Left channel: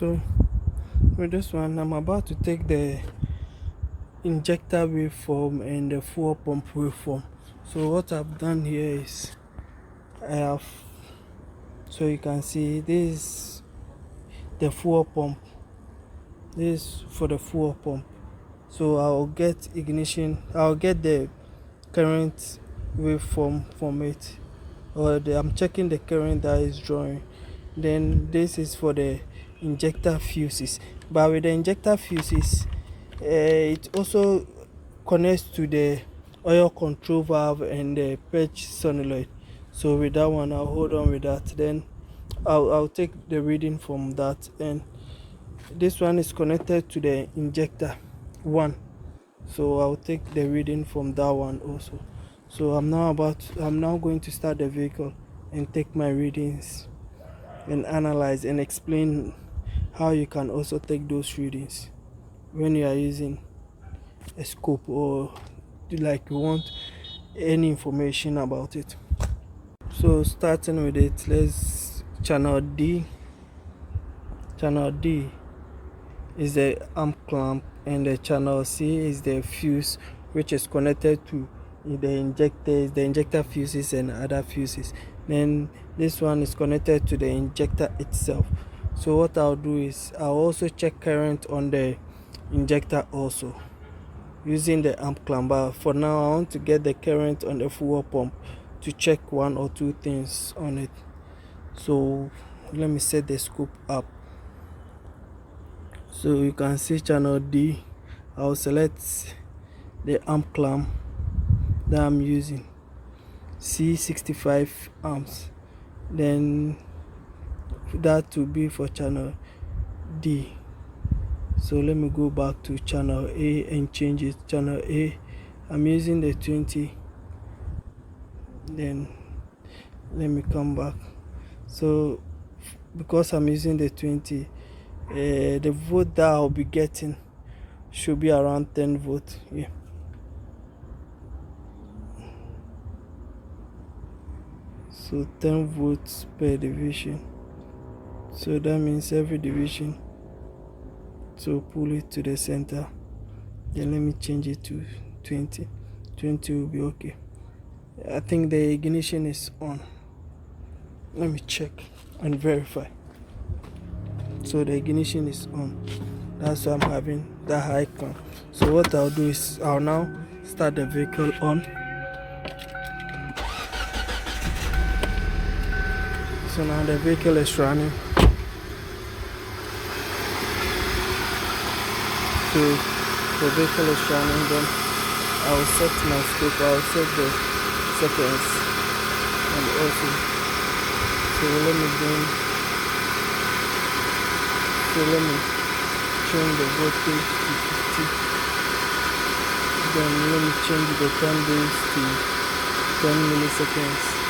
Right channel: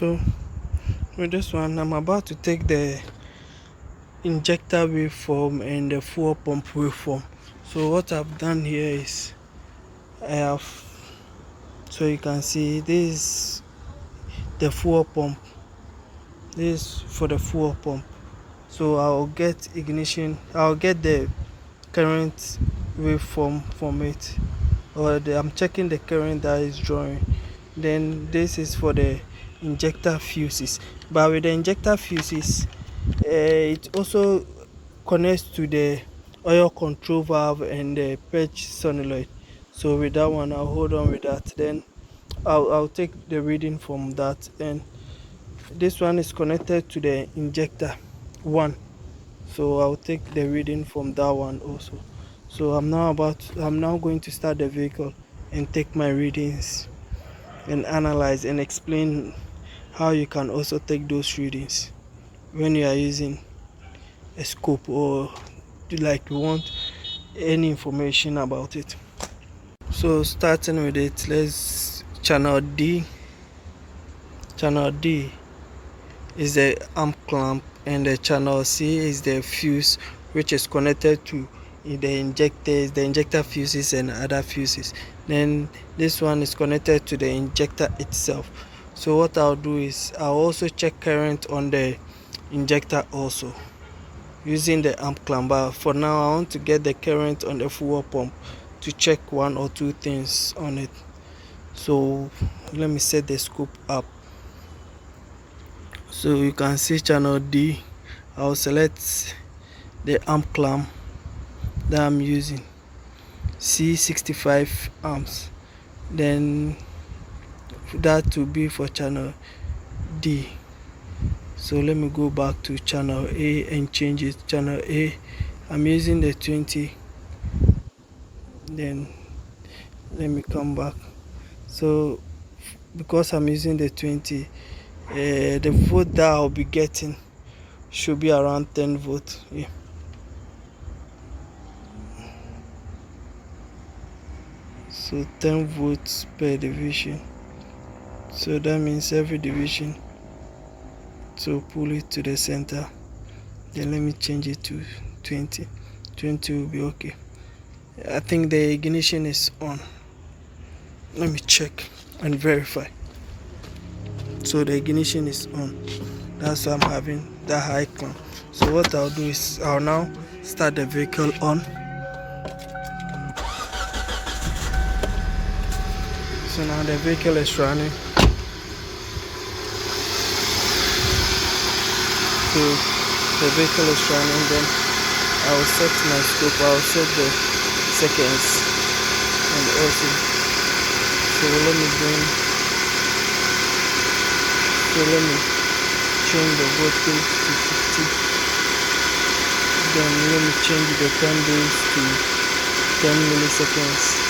So with this one, I'm about to take the injector waveform and the fuel pump waveform. So what I've done here is I have, so you can see this is the fuel pump, this is for the fuel pump. So I'll get the current waveform from it, I'm checking the current that is drawing. Then this is for the injector fuses, but with the injector fuses, it also connects to the oil control valve and the purge solenoid. So with that one, I'll hold on with that. Then I'll take the reading from that. And this one is connected to the injector one, so I'll take the reading from that one also. So I'm now going to start the vehicle and take my readings and analyze and explain how you can also take those readings when you are using a scope, or like you want any information about it. So starting with it, let's channel D is the arm clamp, and the channel C is the fuse which is connected to the injector fuses and other fuses. Then this one is connected to the injector itself. So what I'll do is I'll also check current on the injector also using the amp clamp. But for now, I want to get the current on the fuel pump to check one or two things on it. So let me set the scope up. So you can see channel D. I'll select the amp clamp that I'm using, C65 amps. Then that will be for channel D. So let me go back to channel A and change it. Channel A, I'm using the 20. Then let me come back. So because I'm using the 20, the volt that I'll be getting should be around 10 volts. Yeah. So 10 volts per division. So that means every division, so pull it to the center. Then let me change it to 20. 20 will be okay. I think the ignition is on. Let me check and verify. So the ignition is on. That's why I'm having that high clamp. So what I'll do is I'll now start the vehicle on. So now the vehicle is running. So the vehicle is running. Then I'll set my scope. I'll set the seconds and also. So let me change the voltage to 50. Then let me change the time base to 10 milliseconds.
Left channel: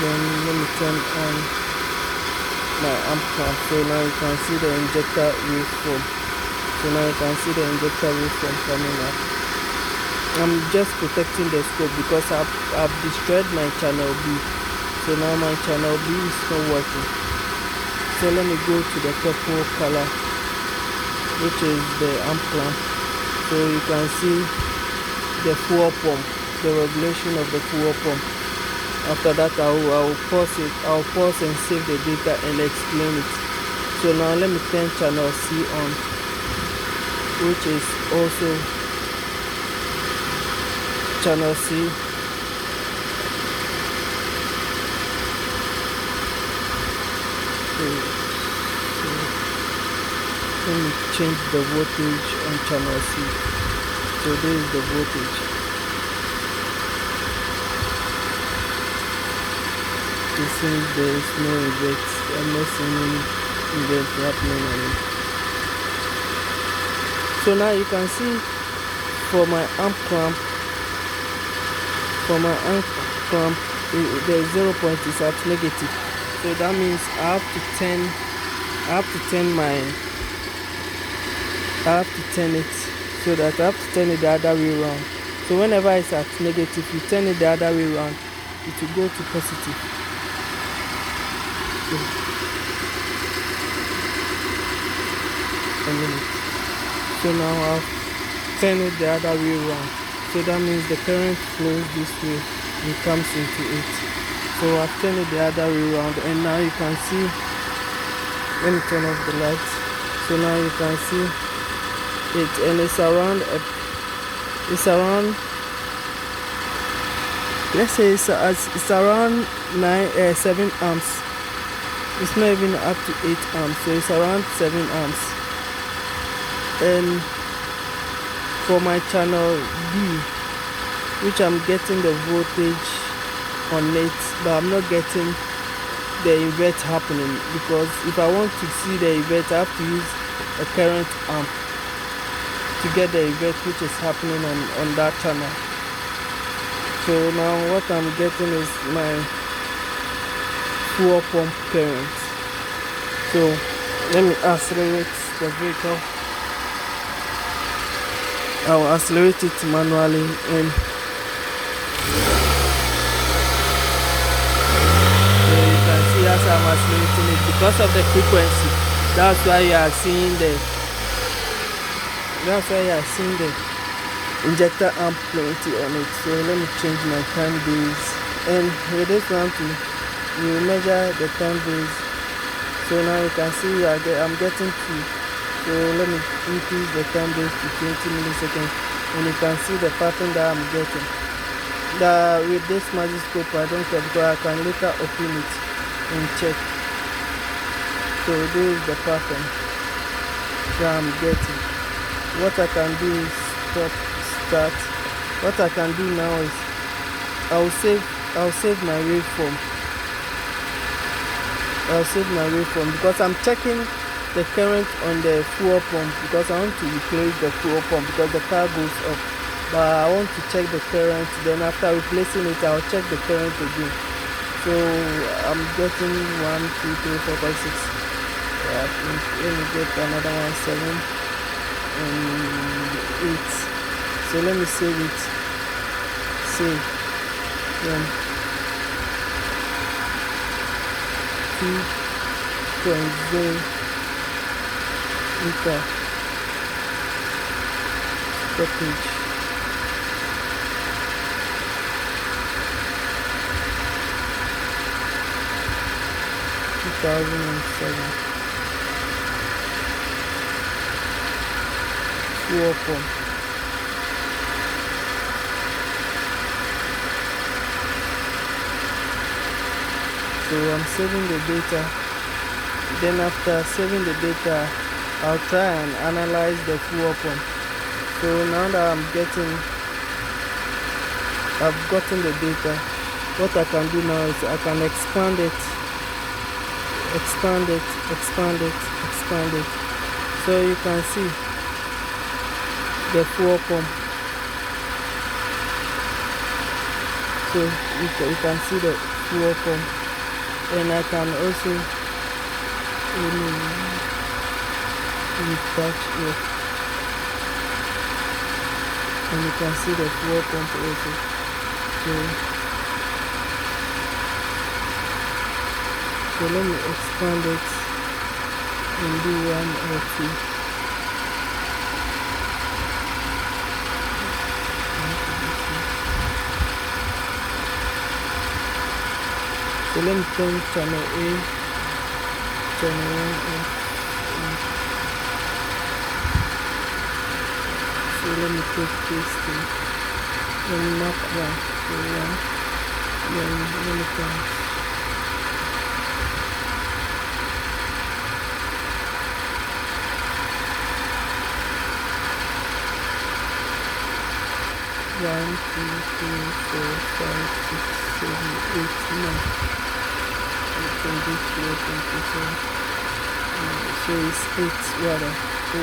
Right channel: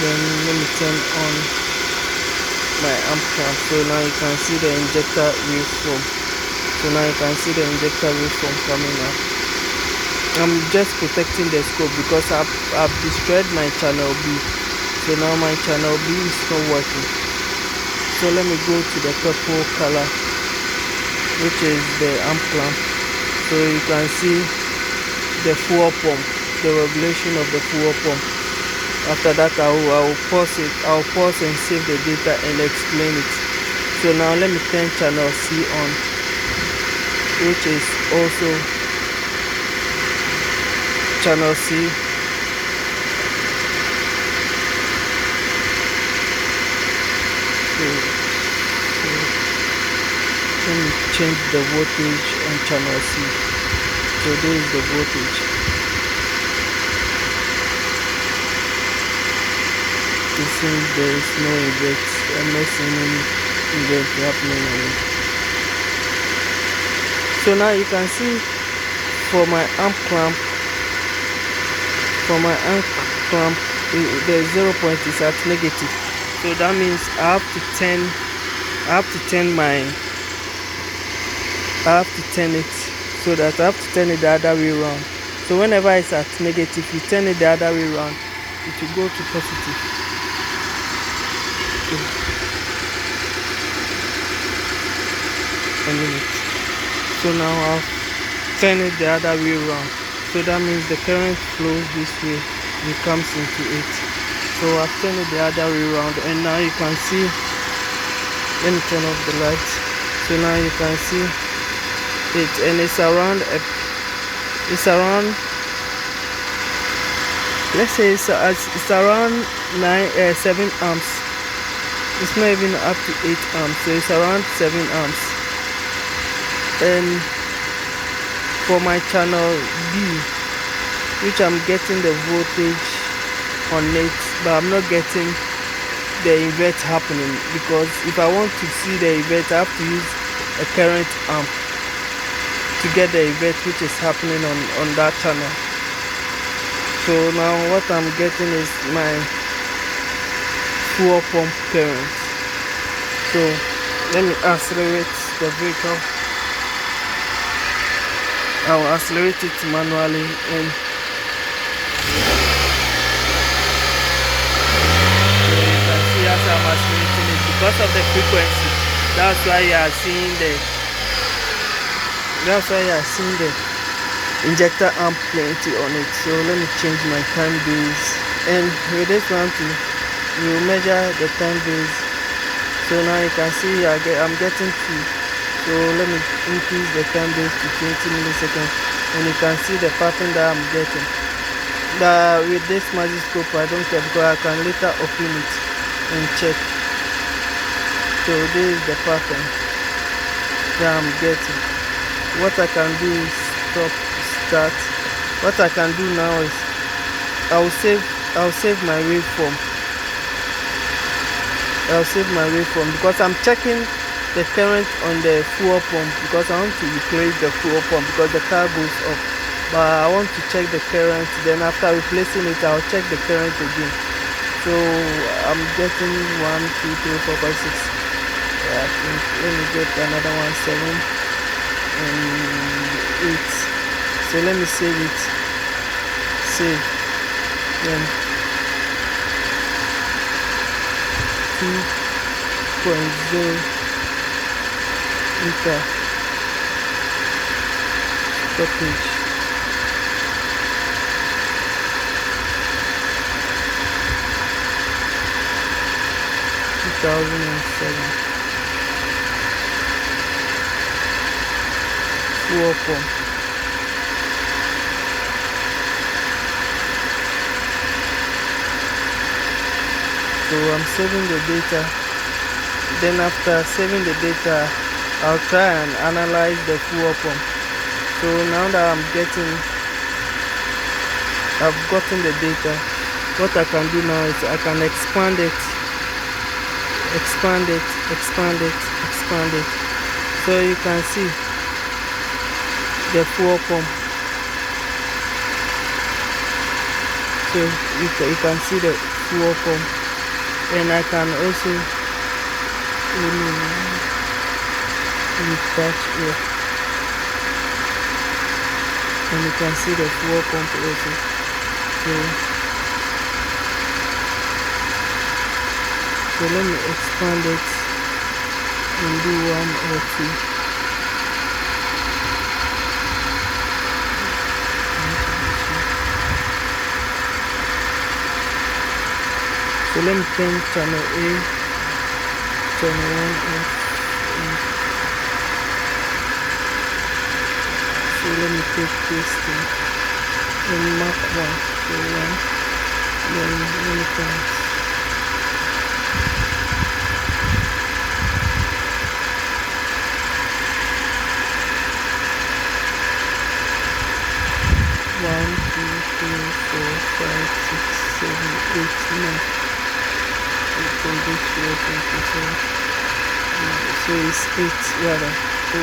Then let me turn on my amp clamp. So now you can see the injector waveform. Coming up. I'm just protecting the scope because I've destroyed my channel B. So now my channel B is not working. So let me go to the purple color, which is the amp clamp. So you can see the fuel pump, the regulation of the fuel pump. After that, I will pause it. I'll pause and save the data and explain it. So now let me turn channel C on, which is also channel C. So let me change the voltage on channel C. So this is the voltage. You see there is no event. I'm not seeing any event happening on it. So now you can see for my amp clamp, the 0 point is at negative. So that means I have to turn it, so that I have to turn it the other way around. So whenever it's at negative, you turn it the other way around, it will go to positive. a minute. So now I'll turn it the other way around. So that means the current flows this way and comes into it. So I've turned it the other way around, and now you can see. Let me turn off the light. So now you can see it, and it's around let's say it's around 7 amps. It's not even up to 8 amps, so it's around 7 amps. And for my channel B, which I'm getting the voltage on it, but I'm not getting the invert happening, because if I want to see the invert, I have to use a current amp to get the invert which is happening on that channel. So now what I'm getting is my fuel pump current. So let me accelerate the vehicle. I'll accelerate it manually, and so you can see as I'm accelerating it, because of the frequency, that's why you are seeing the injector amp plenty on it. So let me change my time base, and with this one too, we will measure the time base. So now you can see I'm getting 2. So let me increase the time base to 20 milliseconds, and you can see the pattern that I'm getting. With this magic scope, I don't care, because I can later open it and check. So this is the pattern that I'm getting. What I can do is start. What I can do now is I'll save my waveform. Because I'm checking the current on the fuel pump, because I want to replace the fuel pump because the car goes up. But I want to check the current, then after replacing it, I'll check the current again. So I'm getting 1, 2, 3, 4, 5, 6. I think let me get another one, 7 and 8. So let me save it. Save. Then 2.0 enter sportage. Fuel pump. So I'm saving the data. Then after saving the data, I'll try and analyze the fuel pump. So now that I've gotten the data, what I can do now is I can expand it. So you can see the fuel pump. So you can see the fuel pump, and I can also touch it, and you can see the fuel pump also. So let me expand it and do 1 or 2. So let me turn channel A, channel 1 off. So let me take this thing and mark 1. So 1, then let me count. 1, 2, 3, 4, 5, 6, 7, 8, 9. So it's 8 rather. 1,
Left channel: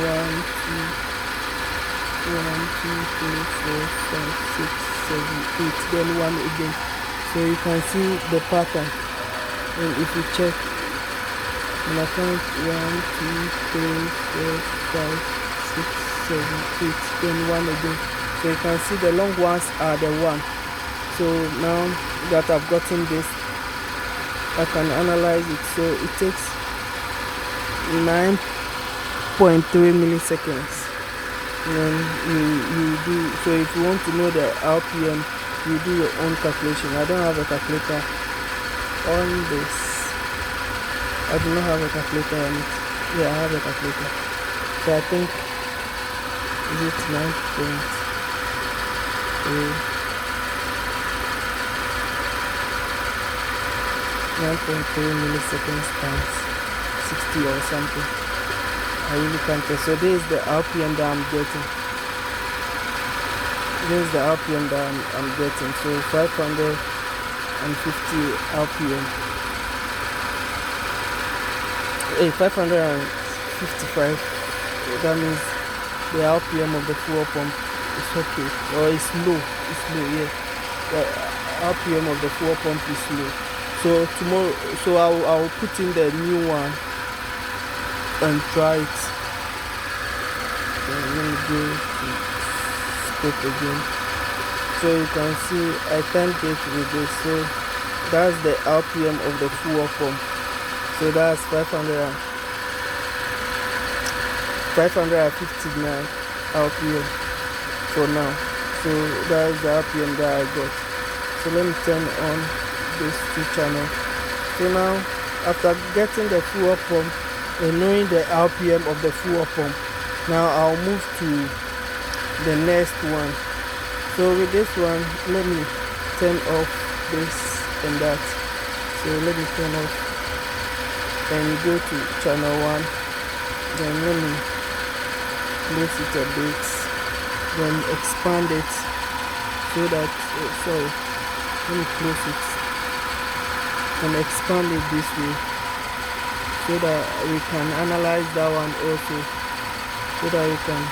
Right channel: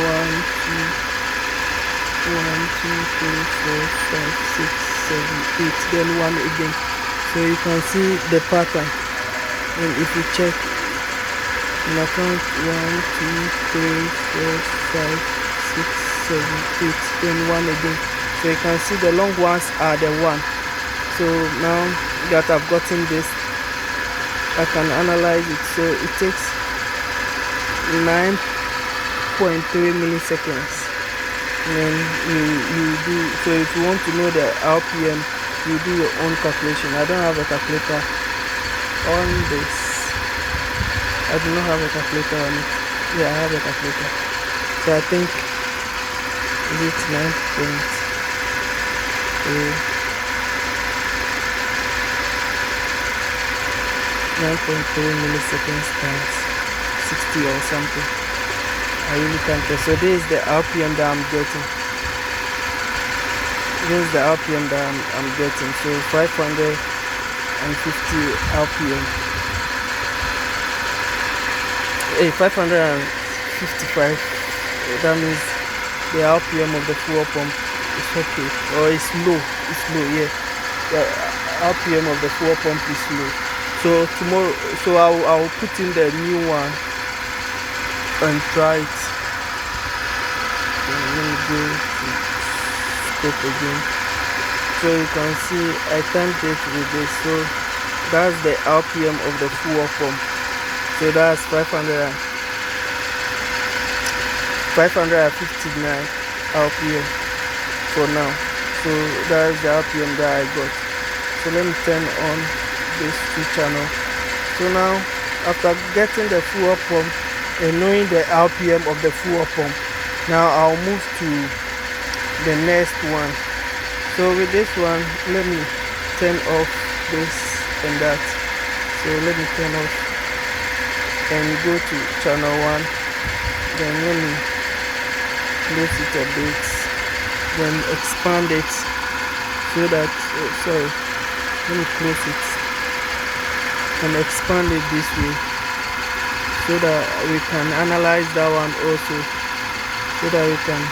2, 3, 4, 5, 6, 7, 8. Then 1 again. So you can see the pattern. And if you check, and I count 1, 2, 3, 4, 5, 6, 7, 8. Then 1 again. So you can see the long ones are the 1. So now that I've gotten this, I can analyze it. So it takes 9.5 2.3 milliseconds. And then you do, so if you want to know the RPM, you do your own calculation. I don't have a calculator on this. I do not have a calculator on it. Yeah, I have a calculator. So I think it's 9.3 milliseconds times 60 or something. I really can't tell. So this is the RPM that I'm getting. This is the RPM that I'm getting. So 550 RPM. 555. That means the RPM of the fuel pump is okay, or it's low. It's low, yeah. The RPM of the fuel pump is low. So tomorrow, so I'll put in the new one and try it. So let me go to scope again. So you can see I timed it with this. So that's the RPM of the fuel pump. So that's 559 RPM for now. So that's the RPM that I got. So let me turn on this 2 channel. So now after getting the fuel pump and knowing the RPM of the fuel pump, now I'll move to the next one. So with this one, let me turn off this and that. So let me turn off and go to channel 1. Then let me close it a bit, then expand it so that let me close it and expand it this way so that we can analyze that one also, so that we can.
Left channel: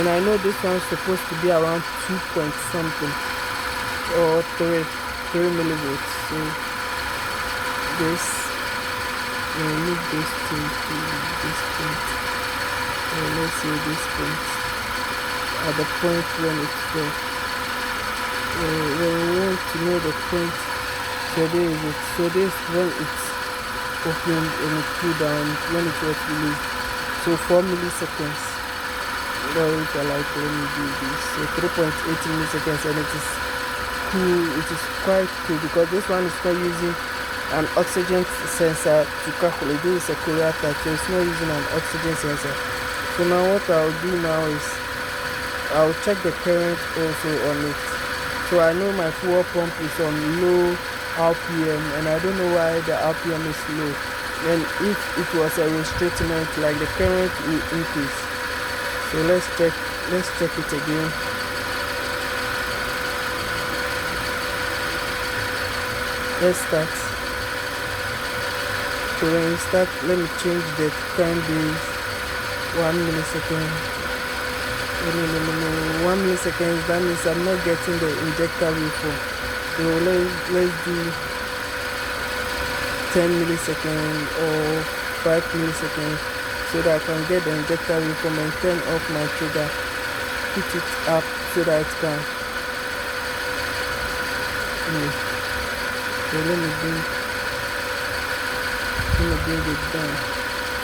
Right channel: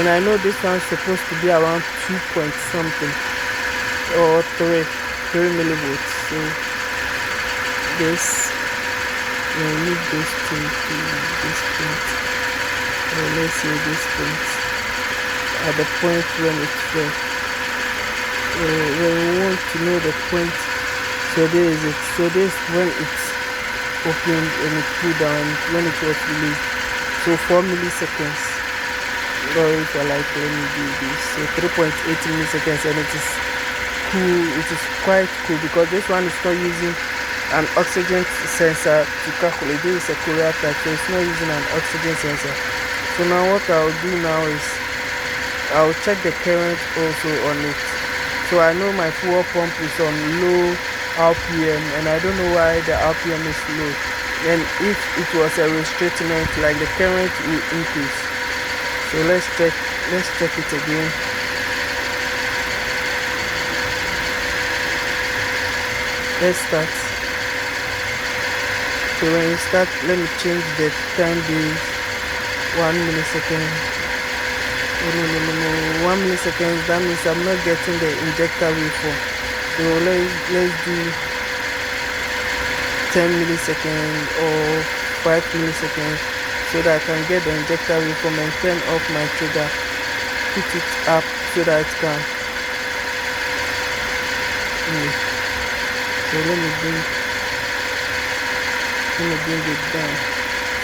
And I know this one's supposed to be around 2 point something or 3 millivolts. So this, we need this point to this point, or let's say this point, at the point when it fell. When we want to know the point, so there is it. So this when it's opened and it cooled down, when it was released. So 4 milliseconds. Or if I like, let me do this. So 3.8 milliseconds, and it is cool. It is quite cool because this one is not using an oxygen sensor to calculate. This is a Korea type, so it's not using an oxygen sensor. So now what I'll do now is I'll check the current also on it. So I know my fuel pump is on low RPM, and I don't know why the RPM is low. And if it was a restrainment, like the current will increase. So let's check it again. Let's start. So when you start, let me change the time base 1 millisecond. No, 1 millisecond. That means I'm not getting the injector waveform. So let's do 10 milliseconds or 5 milliseconds so that I can get the injector waveform and turn off my trigger, put it up so that it can. So let me bring it down.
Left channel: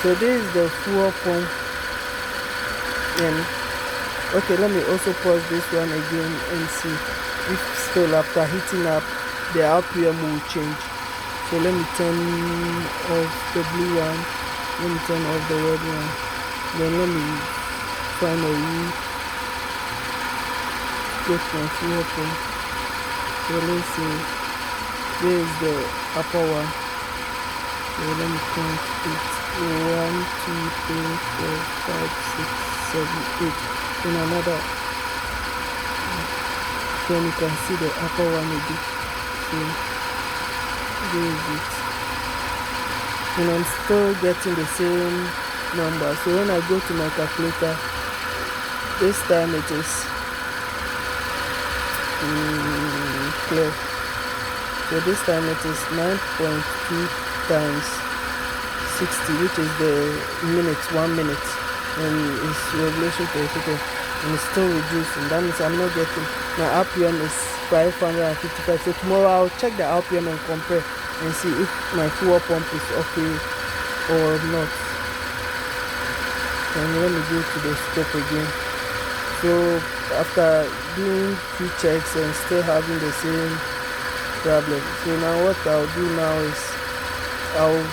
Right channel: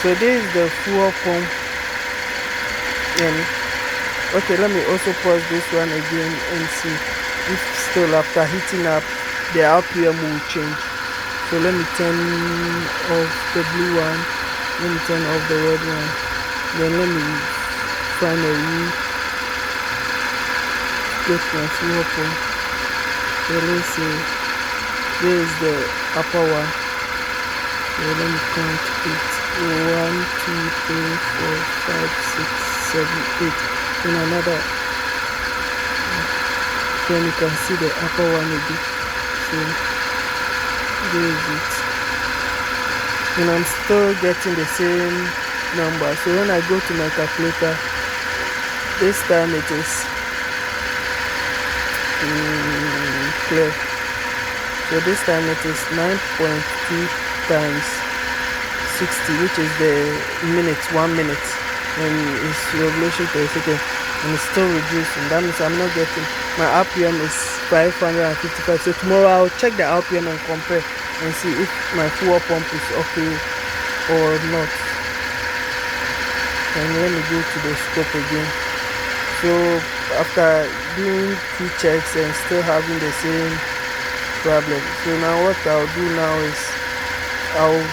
So this is the fuel pump. And okay, let me also pause this one again and see if still after heating up the RPM will change. So let me turn off the blue one, let me turn off the red one, then let me finally get my fuel pump. So let's see, this is the upper one. So let me count it. 1, 2, 3, 4, 5, 6, 7, 8. Then another. Then you can see the upper one again. So there is it. And I'm still getting the same number. So when I go to my calculator, this time it is clear. So this time it is 9.2 times 60, which is the minutes, 1 minute, and it's revolution per second, and it's still reducing. That means I'm not getting, my RPM is 555. So tomorrow I'll check the RPM and compare and see if my fuel pump is okay or not. and let me go to the scope again. So after doing 2 checks and still having the same problem, so now what I'll do now is I'll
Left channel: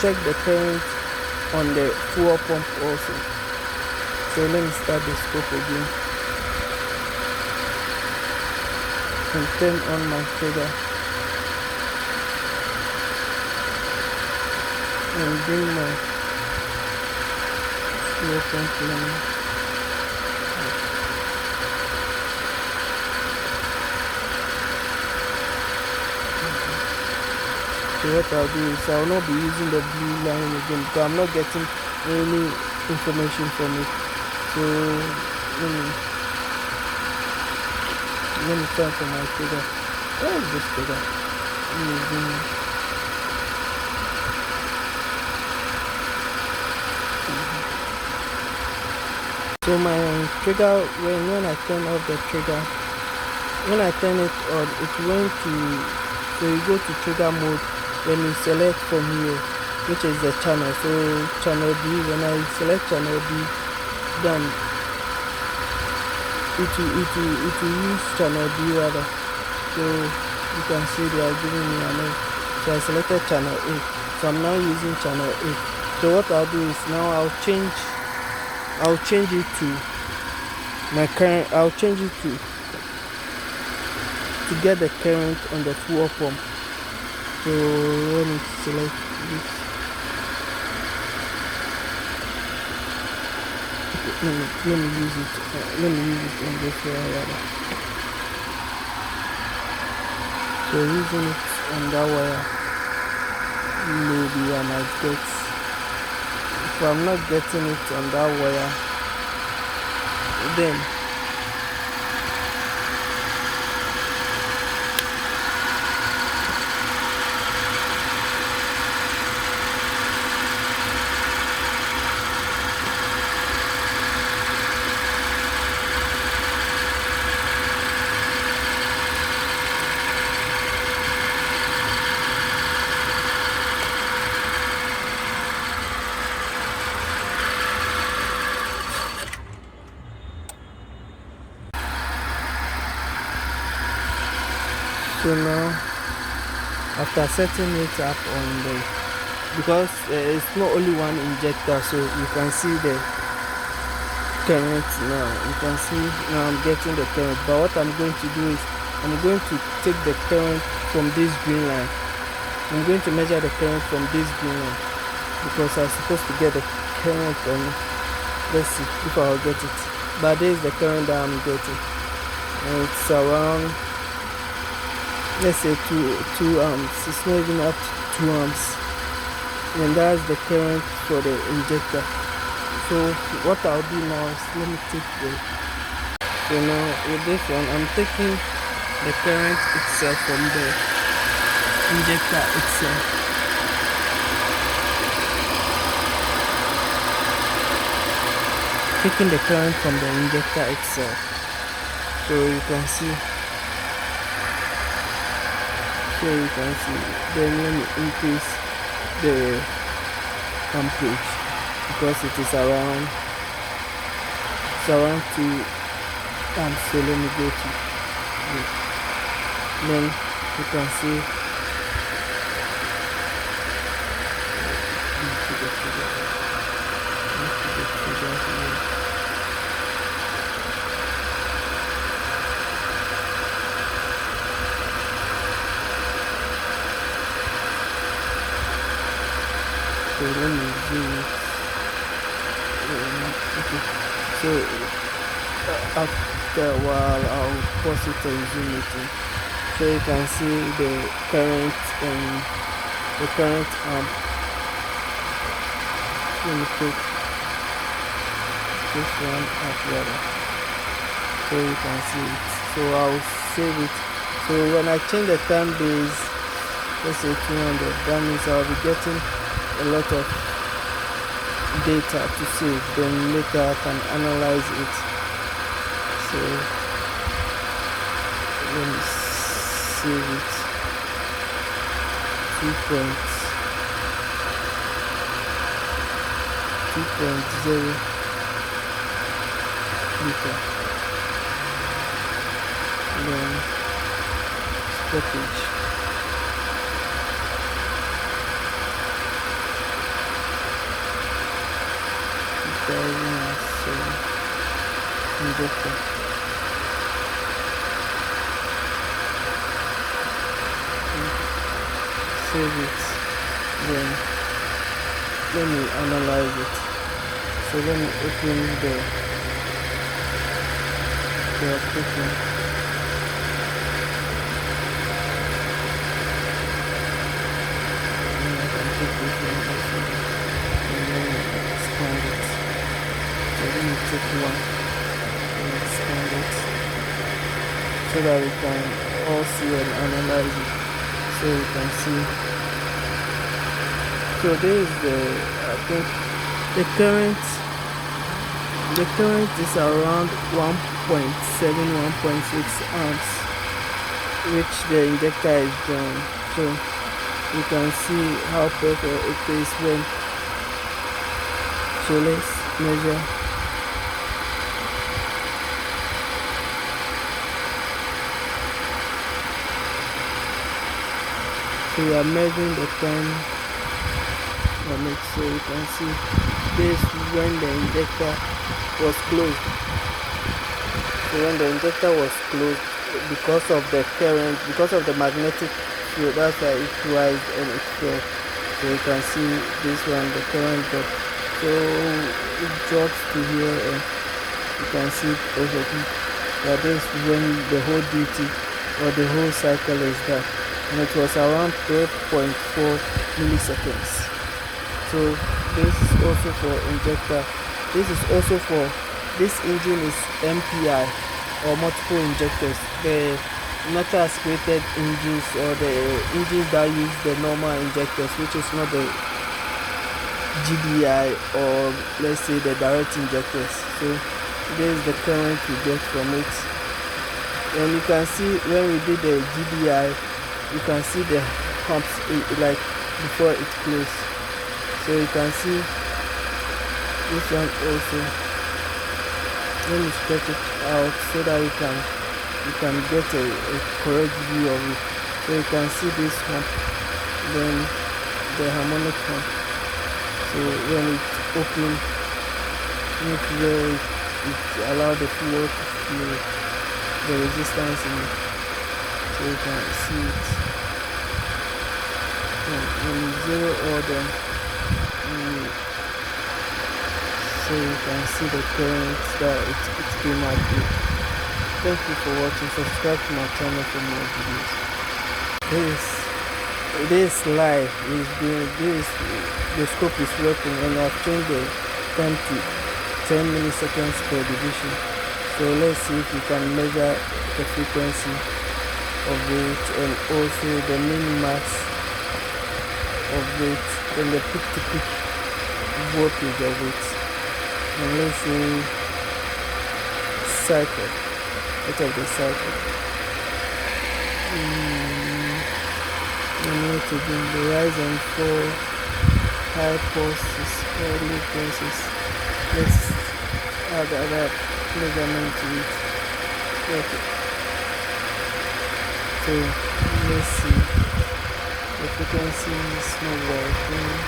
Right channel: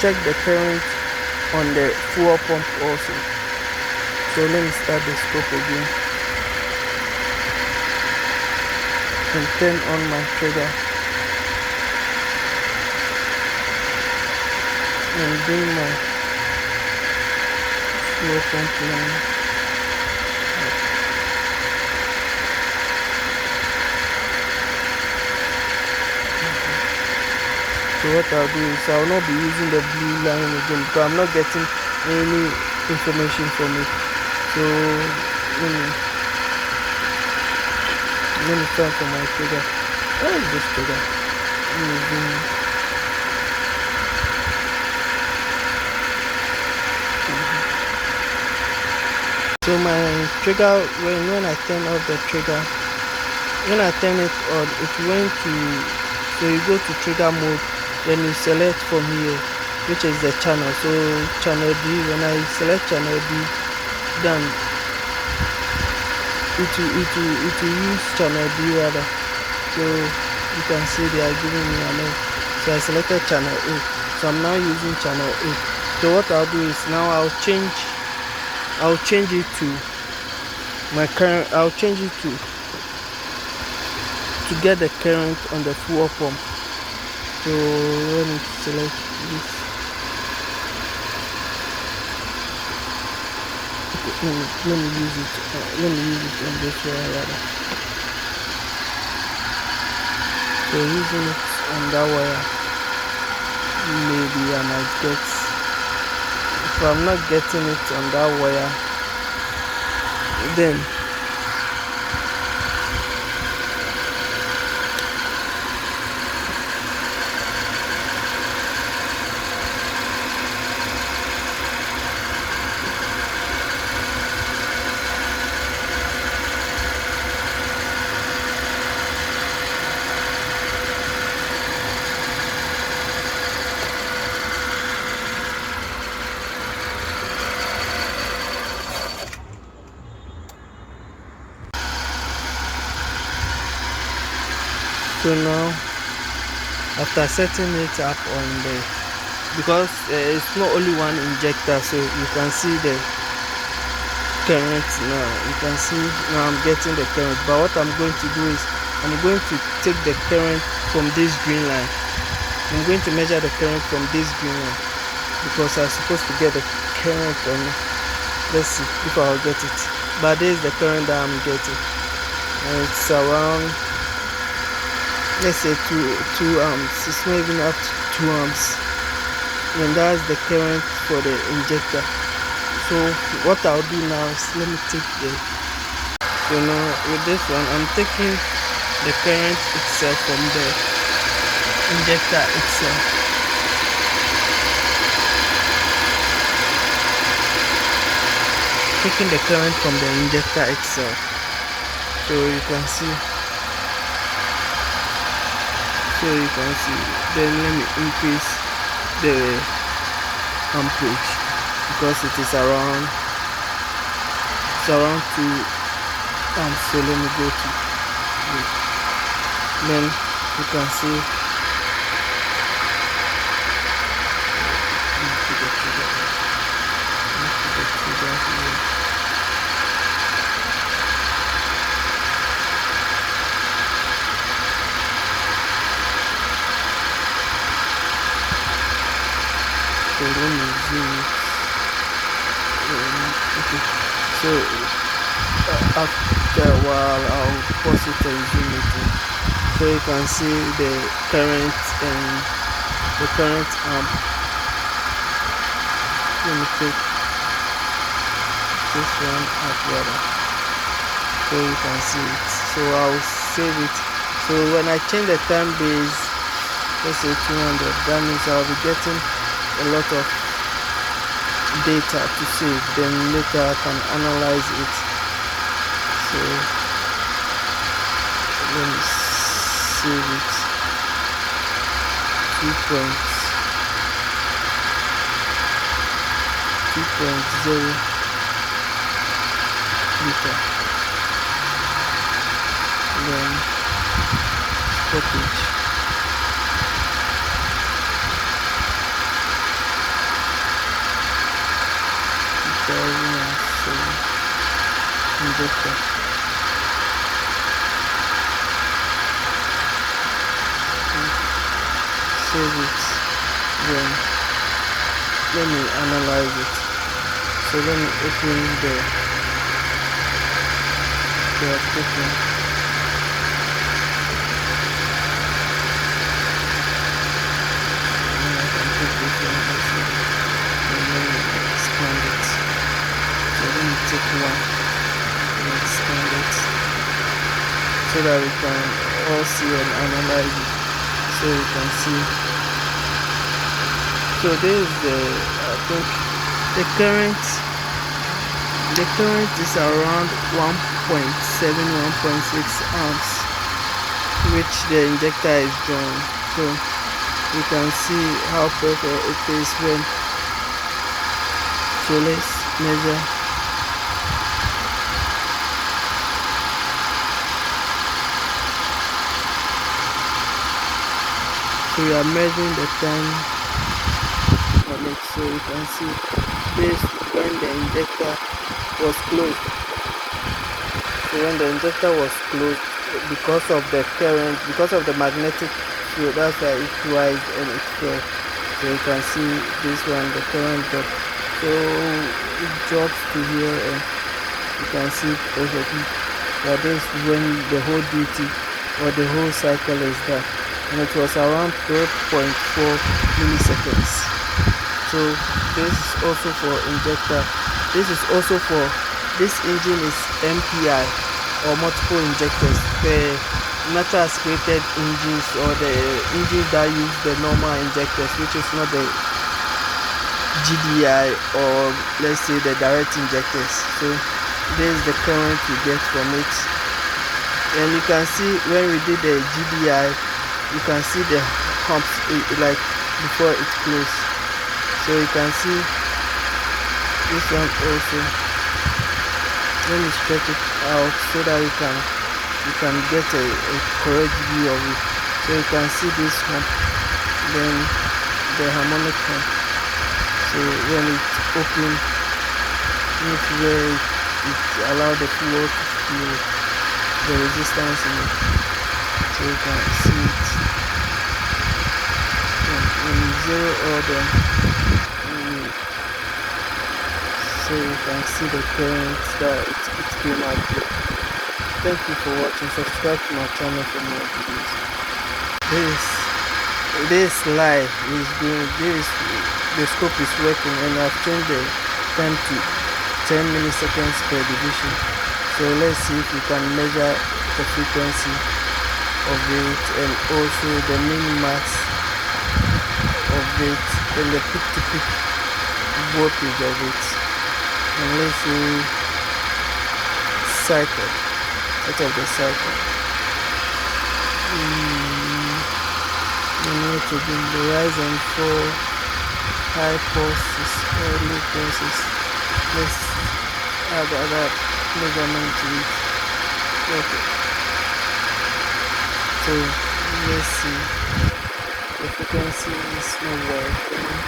check the current on the fuel pump also. So let me start the scope again and turn on my trigger and bring my fuel pump line. So what I'll do is I'll not be using the blue line again because I'm not getting any information from it. So let me turn for my trigger. Where is this trigger? So my trigger, when I turn off the trigger, when I turn it on, it went to, so you go to trigger mode, then you select from here, which is the channel. So channel D, when I select channel D, then it will use channel D rather. So you can see they are giving me a name. So I selected channel A. So I'm now using channel A. So what I'll do is now I'll change it to my current. I'll change it to get the current on the fuel pump. So let me select this. Let me use it. Let me use it on this one rather. So using it on that wire, maybe I might get. If I'm not getting it on that wire, then so now after setting it up on the, because it's not only one injector, so you can see the current now. You can see now I'm getting the current, but what I'm going to do is I'm going to take the current from this green line. I'm going to measure the current from this green line because I'm supposed to get the current on. Let's see if I'll get it. But this is the current that I'm getting, and it's around, let's say 2 amps. It's not even up to 2 amps, and that's the current for the injector. So what I'll do now is let me take the, so now with this one I'm taking the current itself from the injector itself. Taking the current from the injector itself. So you can see. Then let me increase the amperage because it is around 2 amps. So let me go to it. Then you can see so let me zoom it. Okay. So after a while I'll pause it and zoom it in. So you can see the current and the current amp. Let me take this one up rather, so you can see it. So I'll save it. So when I change the time base, let's say 200, that means I'll be getting a lot of data to save. Then later I can analyze it. So let me save it. 2 points. 2.0 liter. Then sportage. Injector. Save it. Then let me analyze it. So let me open the application. And I can take this one also and then expand it. So let me take one and expand it so that we can all see and analyze it. So you can see. So this is I think the current is around 1.7, 1.6 amps, which the injector is doing. So you can see how perfect it is when. So let's measure. So we are measuring the time on it, so you can see this when the injector was closed. So when the injector was closed, because of the current, because of the magnetic field, that's why it rise and it fell. So you can see this one, the current drop. So it drops to here and you can see it perfectly. But this is when the whole duty or the whole cycle is done. And it was around 12.4 milliseconds. So this is also for injector. This is also for, this engine is MPI or multiple injectors. The natural aspirated engines or the engines that use the normal injectors, which is not the GDI or let's say the direct injectors. So this is the current we get from it. And you can see when we did the GDI, you can see the humps like before it closed. So you can see this one also. Let me stretch it out so that you can get a correct view of it. So you can see this hump, then the harmonic hump. So when it's open, it's where it allows the fluid to feel the resistance in it. So you can see it. When you zero all them, so you can see the current that it came out with. Thank you for watching. Subscribe to my channel for more videos. This live is doing this. The scope is working, and I've changed the time to 10 milliseconds per division. So let's see if we can measure the frequency of it and also the min-max of it and the peak-to-peak voltage of it. And let's see cycle, out of the cycle. And what to do, the rise and fall, high pulses or low pulses. Let's add that measurement to it. Okay. So let's see. The frequency is not very high.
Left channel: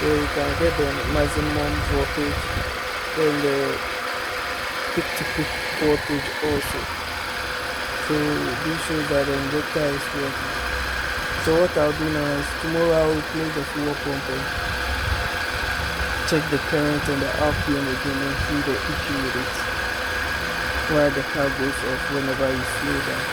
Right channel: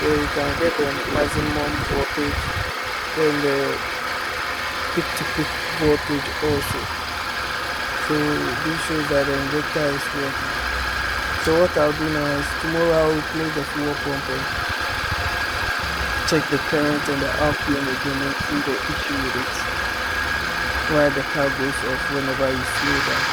So you can get the maximum voltage and the peak-to-peak voltage also. So this shows that the injector is working. So what I'll do now is tomorrow I'll replace the fuel pump and check the current and the RPM again and see the issue with it, why the car goes off whenever you slow down.